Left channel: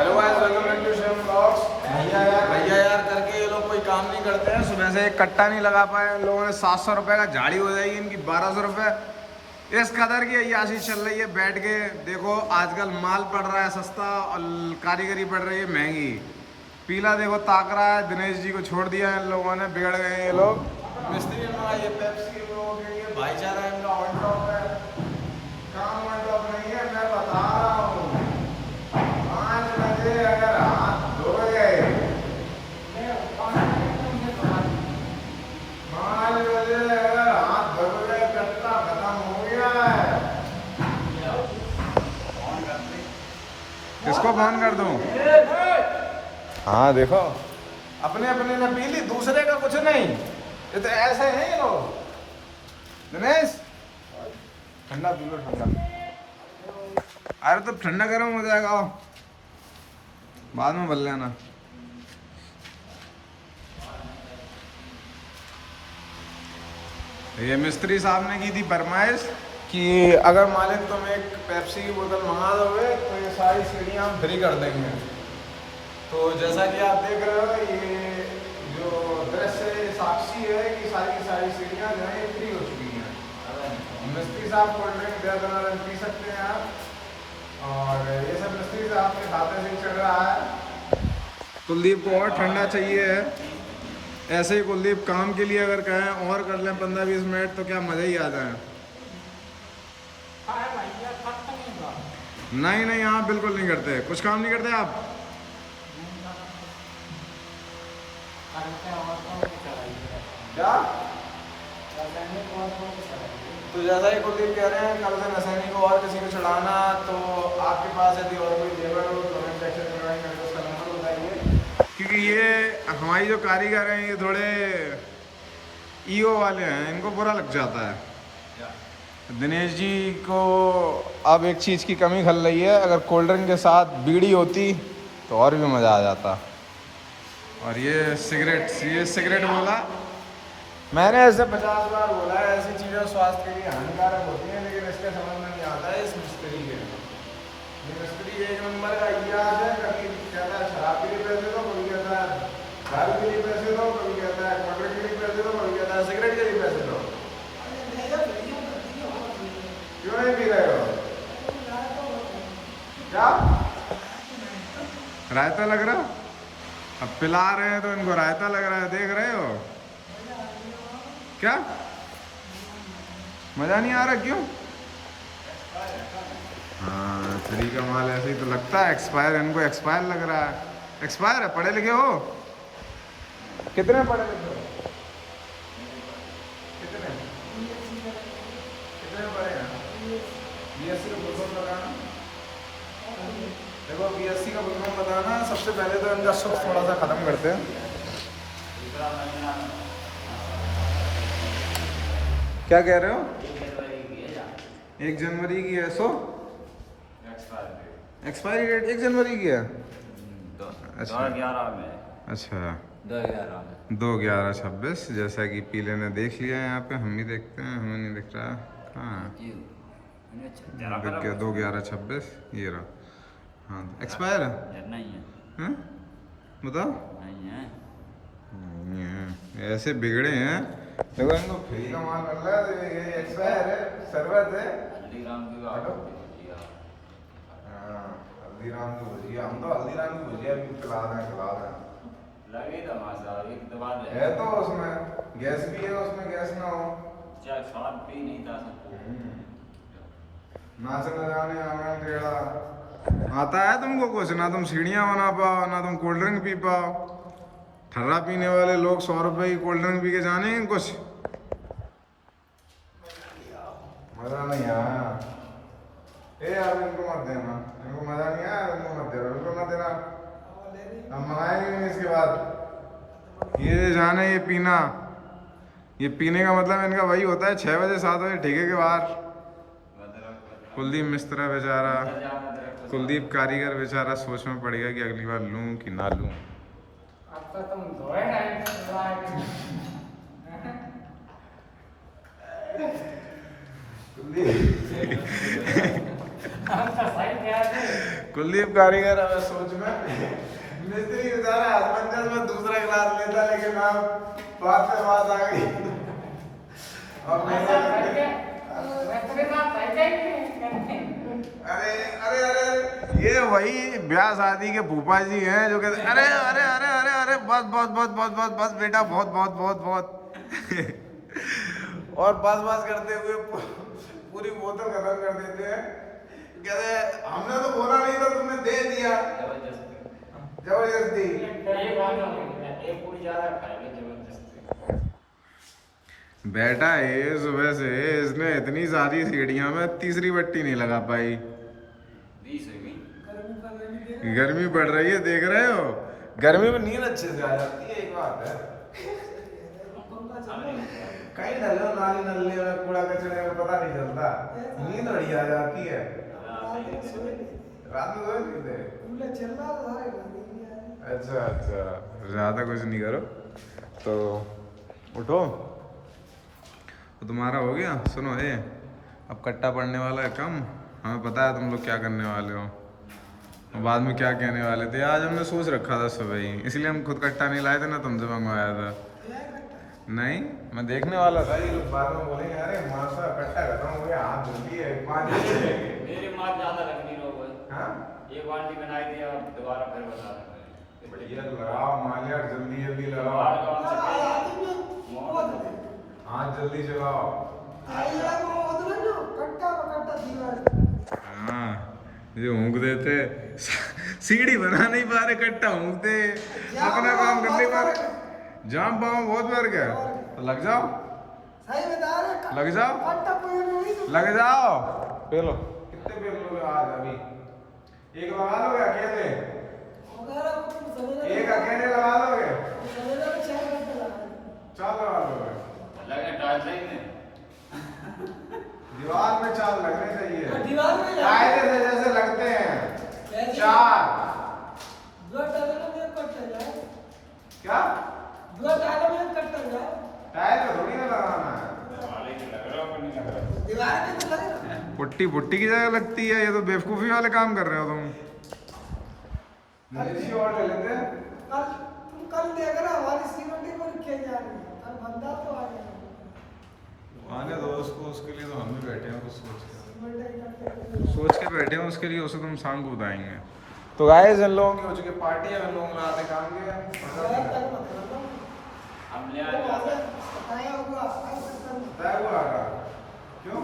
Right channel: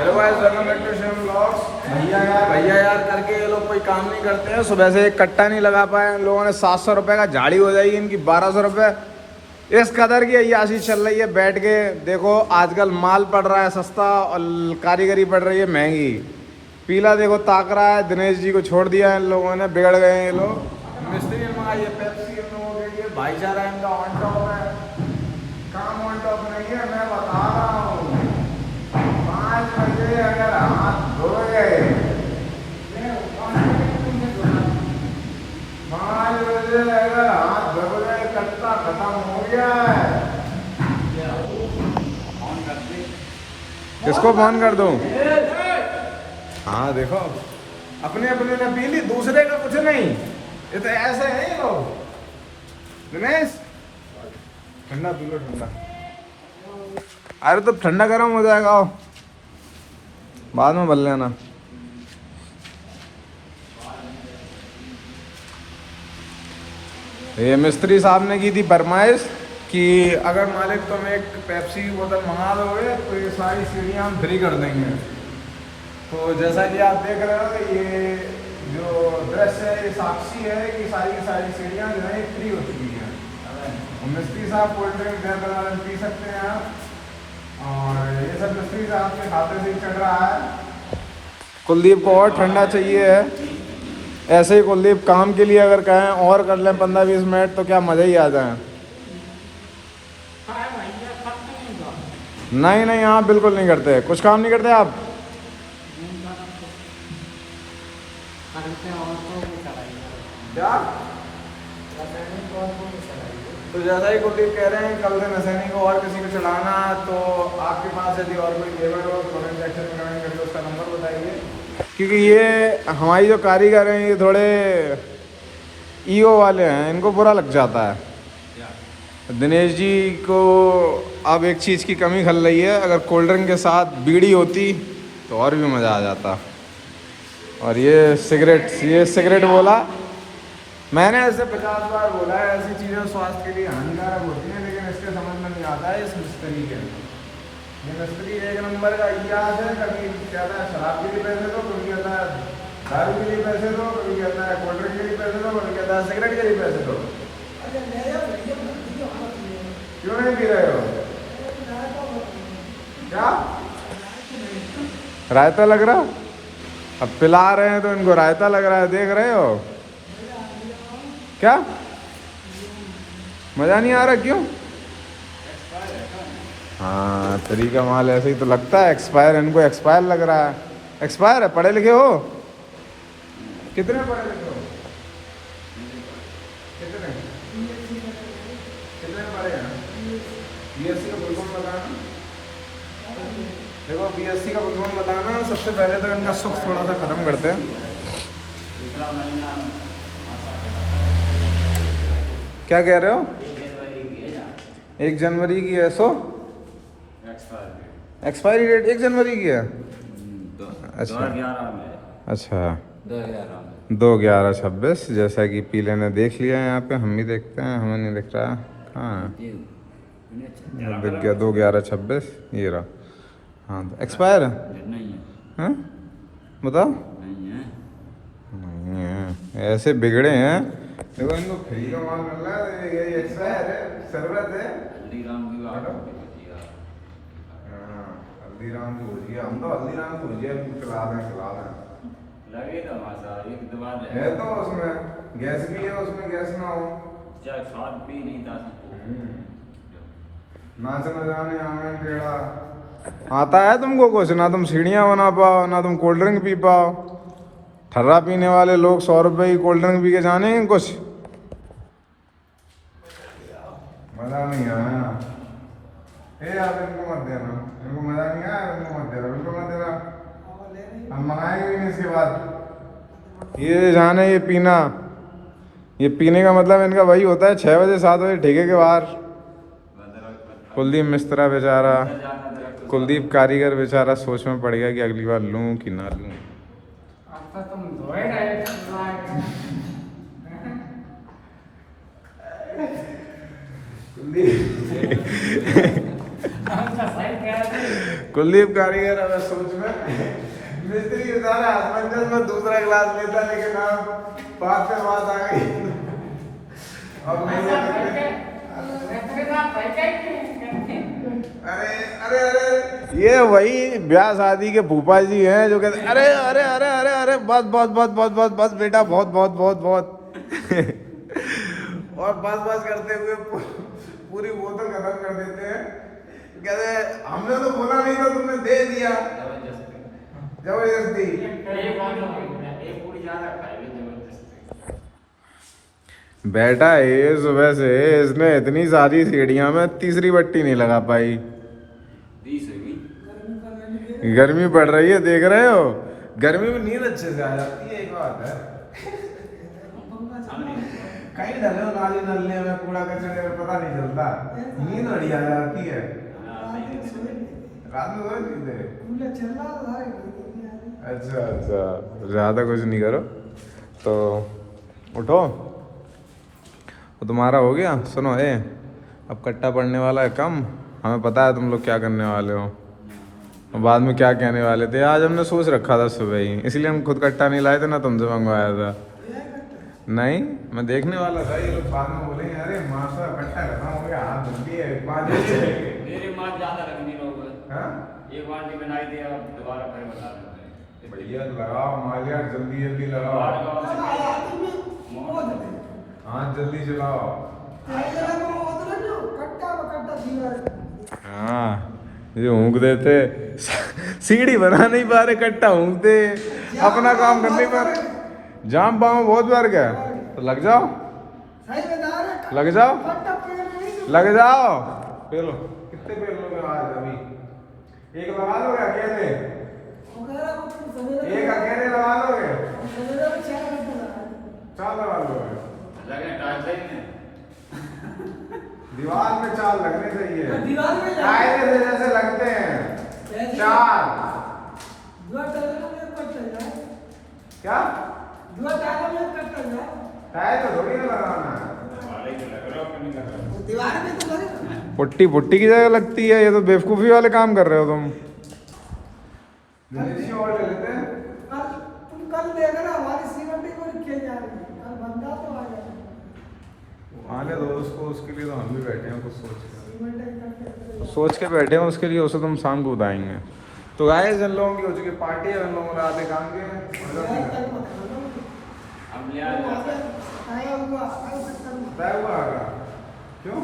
Hello guys, welcome back to Shyam blogs. भैया यार करके ये लोग कोई काम नहीं करते हैं। सुबह से एक कट्टा नहीं लगा पाए इन लोगों ने। 700 रुपये का झाड़ी हो जाएगी इनकी 1200 रुपये। इस कदर की अय्याशी चल रही है बैठ के। देखो आजकल माल पड़ रहा है सस्ता और कारीगरी पड़ रही है महंगी। पीला देखो ताक रहा है। दिनेश जी को छोड़ दिया इन लोगों ने, बिगड़ गए हैं ये लोग। मिस्त्री ने मंगाई है पेप्सी इन लोगों के लिए। भाईचारा इनका ऑन टॉप है, काम ऑन टॉप नहीं है। मैं बता रहा हूँ 5 बजे अगर हाथ धोए, 5 बजे अगर हाथ धो गए कट्टा खत्म हो गया है। किसको फोन कर दूं? हाँ देखो, अपने अपने ने पी ली, दूसरे का कुछ नहीं। ये तो ऐसे है ये लोग। दिनेश ठंडा पी लो, ठंडा। अरे तो ठंडा गर्म हो जाएगा, आओ बाद में बल लेना। ये मिस्त्री साहब ने की थी फरमाइश कि अगर मालिक तुम एक पेप्सी की बोतल मंगा दोगे तो ये सारी सीढ़ियाँ हम फ्री कर देंगे। तो जैसा कि आप देख रहे हो, ये जो दृश्य है ये साक्षी है कि सारी की सारी सीढ़ियाँ जो है फ्री हो चुकी हैं। मिस्त्री साहब कोल्ड ड्रिंक दे पी सकते हैं आप, और ये सब मिस्त्री साहब के खाते से ही चढ़ रहा है। कुलदीप को और ठंडा चाहिए है। ऐसे ही कुलदीप काम के लिए अगर कहें और कर लें 15-20 मिनट तो क्या मज़ा ही आ जाए। नहीं नहीं, आप बिल्कुल नहीं करते, कुछ काम नहीं करते आप। क्या तो ज़्यादा ही कुलदीप कह रहे हैं कल से मैसेनी को और किसी को चढ़ाना। तो आपके पास यदि और कोई लेबर हो तो कमेंट सेक्शन में कमेंट करके उसका नंबर बताइए, क्योंकि ये हमारी जो कारीगर हैं ये थोड़े ईओ वाले हैं, इनको बुरा लग जाता है। दिनेश जी को अब एक चीज़ की कमी खल रही है, अगर कोल्ड ड्रिंक के साथ बीड़ी होती तो और भी मज़ा आ जाता। और ये सिगरेट बोला मैंने, ऐसे 50 बार बोला है ऐसी चीज़ें स्वास्थ्य के लिए हानिकारक होती हैं, लेकिन इसके समझ में नहीं आता है इस मिस्त्री के। ये मिस्त्री एक नंबर का इतिहास है। कभी कहता है शराब के लिए पैसे दो, कभी कहता है दारू के लिए पैसे दो, कभी कहता है कोल्ड ड्रिंक के लिए पैसे दो, कभी कहता है सिगरेट के लिए पैसे दो। क्यों नहीं पी रहे हो? क्या रायता लग रहा? अब पिला रहे हैं तो इनको रायता लग रहा है, देख रहे हो क्या? मज़ा नहीं आ रहा क्यों? हाँ, फ्री का माल ऐसे ही तो लगता है। एक्सपायर, इनको एक्सपायर लग रहा है। एक्सपायर है? पढ़े लिखे हो? कितने पढ़े लिखे हो? कितने कितने पढ़े हैं? बीएससी का बुलबुल बताना। देखो बीएससी का बुलबुल बताना। सबसे पहले तो इनका सुख थोड़ा सा खत्म करते हैं। क्या कह रहे हो? 1 जनवरी की है। सो एक्सपायरी डेट 1 जनवरी की है। अच्छा 2/11/26, जैसा कि पीले ने देख लिया है। यहाँ पे हम भी देखते हैं, हमें नहीं दिख रहा। कहाँ दिख गया? 2/11/26 ये रहा। हाँ तो एक्सपायर है। बताओ, ऐसे बिगड़े हैं। देखो इनको फ्री का माल मिल रहा है, ये एक्सपायर है। शरबत है हल्दीराम की भुजिया। हम तो हल्दीराम की भुजिया भी खिला दें है तो उसमें गैस भी है, उसमें गैस ना हो। नाच न जाने आंगन टेढ़ा। आता है तुमको कुछ ना? तुम सीढ़ियाँ बना पाओ, ना तुम कोल्ड ड्रिंक पी पाओ। ठर्रा पीने वाले लोग 100 रुपये की कोल्ड ड्रिंक पी के जाने कुछ मज़ा नहीं आया। अब इनको मत देना, इनको मज़ा नहीं आया, इनको मत देना, बिल्कुल मत देना। हम मंगाएंगे भी नहीं इसके बाद। ये जाने ये पीना, ये पीने का मतलब इनका वही होता है 6 बजे 7 बजे ठेके के बाहर। कुलदीप मिस्त्रा बेचारा, कुलदीप कारीगर बेचारा सोच में पड़ गया कि अगली बार लूँ कि ना लूँ। कुलदीप कारीगर अब सोच में मिस्त्री बेचारा असमंजस में दूसरा गिलास लेता, लेकिन अब बात पे बात आ गई और मैंने अरे अरे अरे ये वही ब्याह शादी के फूफा जी हैं जो कहते अरे अरे अरे अरे अरे बस बस बस बस बस बस बेटा बहुत बहुत बहुत बहुत और बस बस करते हुए पूरी बोतल खत्म कर देते हैं। कहते हमने तो बोला नहीं था, तुमने दे दिया जबरदस्ती। बेटा ये सुबह से इसने इतनी सारी सीढ़ियां में तीसरी बट्टी नहीं लगा पाई। गर्मी पड़ रही है, देख रहे हो, गर्मी में नींद अच्छे से आ जाती है, एक बात है। कहीं डलो नाली नलने में कूड़ा कचरे में पता नहीं चलता, नींद बढ़िया आ जाती है। रात में सोए थे? अच्छा अच्छा, ज्यादा कुछ नहीं करो तो उठो। तो तुम्हारा हो गया। सुनो अब कट्टा पड़ने वाला है कम, हमें पता है तुम लोग क्या करने वाले हो और बाद में क्या कहने वाले थे। आज हमने सोच रखा था सुबह ही, इसलिए हम खुद कट्टा नहीं लाए थे ना, तुमसे मंगवाया था। नहीं मैं देखने वाला था, ये लोग बाद में बोलेंगे अरे मास्टर कट्टा खत्म हो गया, हाथ जल्दी है 5 दिन से बढ़िया लगाओ मालिया, जल्दी अभी लगाओ, हाथ जल्दी चलाओ। हाँ ये ऊँग देते, सीढ़ी बना नहीं पा रहे, कट्टा ऊँगते, अपना काम कर नहीं पा रहे। जाम पाँव बहुत बार गया तो लग जाओ, लग जाओ, लग जाओ। पेलो कितने पेल लोगे आज? अभी एक लगा लोगे अकेले? एक अकेले लगा लोगे? 4 लगा लोगे? दीवार में 4 लगने चाहिए, कायदे से जैसे लगते हैं 4। क्या टायर तो थोड़ी ना लगाना है, पुट्टी पुट्टी की जगह लगती है। ये तो बेवकूफी वाले काम कर रहे हो तुम। और ले लेते हैं, कल देखना हमारी सीमेंट को लिखे जा रही है, कल बंदा तो आ जाएगा। आने दो उसको, उसके लिए तो हम भी बैठे हैं, कुछ सोच के बैठे हैं उसके लिए, उसे तुम शाम को बताएंगे। तो गाइस इन लोगों की हो चुकी पार्टी है, इन लोगों ने आधे काम किए, क्यों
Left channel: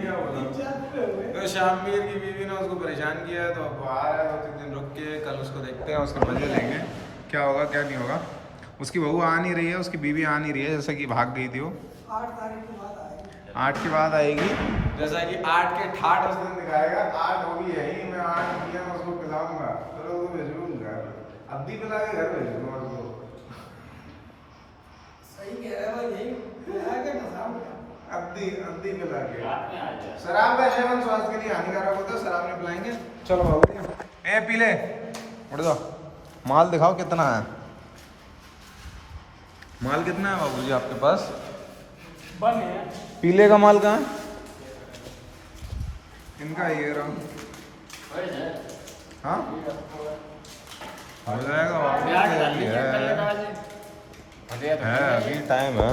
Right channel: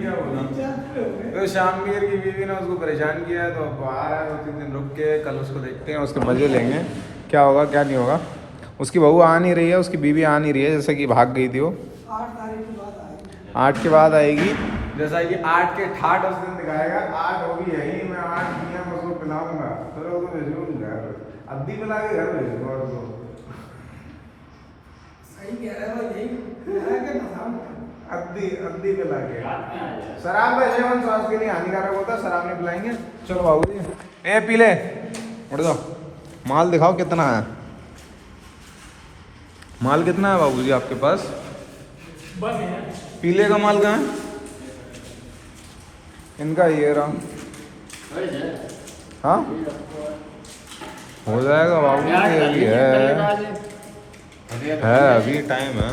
क्या बोला? तो शामवीर की बीवी ने उसको परेशान किया है, तो अब आ रहा है, 2-3 दिन रुक के कल उसको देखते हैं, उसके मजे लेंगे, क्या होगा क्या नहीं होगा। उसकी बहू आ नहीं रही है, उसकी बीवी आ नहीं रही है, जैसे कि भाग गई थी वो। 8 के बाद आएगी, जैसा कि 8 के ठाठ उस दिन दिखाएगा। 8 होगी यही, मैं 8 PM उसको पिलाऊंगा, फिर उसको भेजूंगा, अब भी पिला के घर भेजूंगा उसको। सही कह रहा है भाई, यही अद्दी पिला के। शराब का सेवन स्वास्थ्य के लिए हानिकारक होता है, शराब नहीं पिलाएंगे। चलो बाबूजी ए पी ले, उठ जाओ। माल दिखाओ कितना है, माल कितना है बाबूजी आपके पास? पीले का माल कहाँ है? इनका ये रहा। हाँ हो जाएगा बाबू, अभी है अभी टाइम है।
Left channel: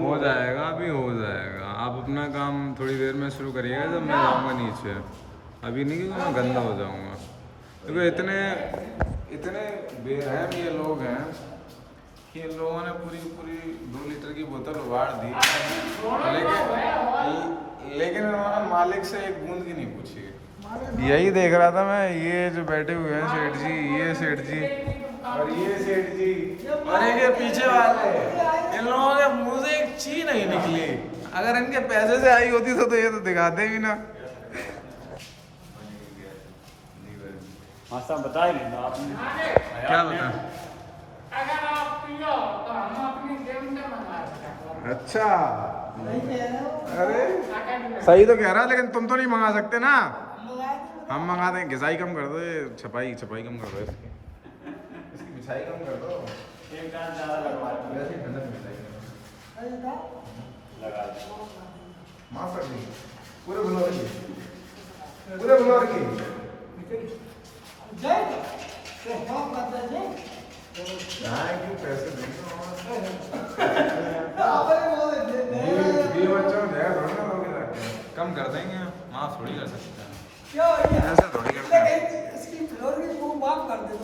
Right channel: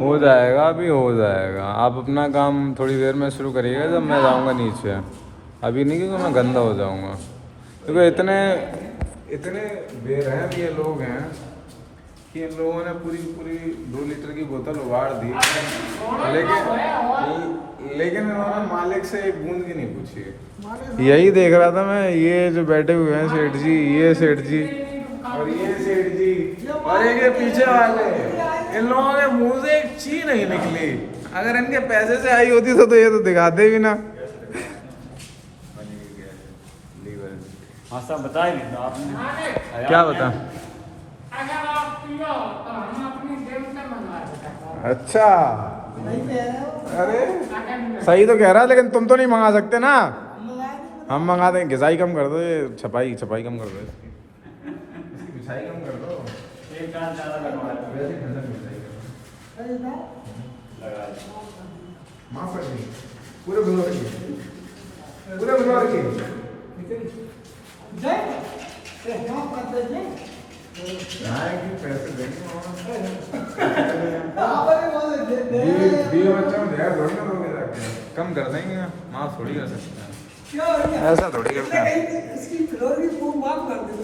हो जाएगा, अभी हो जाएगा। आप अपना काम थोड़ी देर में शुरू करिएगा, जब मैं जाऊँगा नीचे। अभी नहीं, क्योंकि मैं गंदा हो जाऊँगा। क्योंकि इतने बेरहम ये लोग हैं कि इन लोगों ने पूरी 2 लीटर की बोतल उबाड़ दी, लेकिन इन्होंने मालिक से एक बूंद की नहीं पूछी। यही देख रहा था मैं, ये जो बैठे हुए हैं सेठ जी, ये सेठ जी और ये सेठ जी और एक ये पीछे वाले, इन लोगों के मुंह से एक ची नहीं निकली। अगर इनके पैसे से आई होती तो ये तो दिखाते भी ना। क्या बता? अच्छा अरे सही तो कह रहा है, लेकिन तुम तो नहीं मंगा सकते ना। हम मंगा देंगे, घिसाई कम कर दो, ये छपाई छपाई कम कर दो, इसकी बिछाई कम कर दो, वैसे ठंडक बिछाई कर दो। माफ कर देंगे, पूरे बुलवा रखिए, पूरे बुलवा रखिए। पैसे देंगे कम कर देंगे, माफ थोड़ी कर सकते हैं, ऐसा थोड़ी करते हैं। इसकी फ्लोर की माफ कर दो,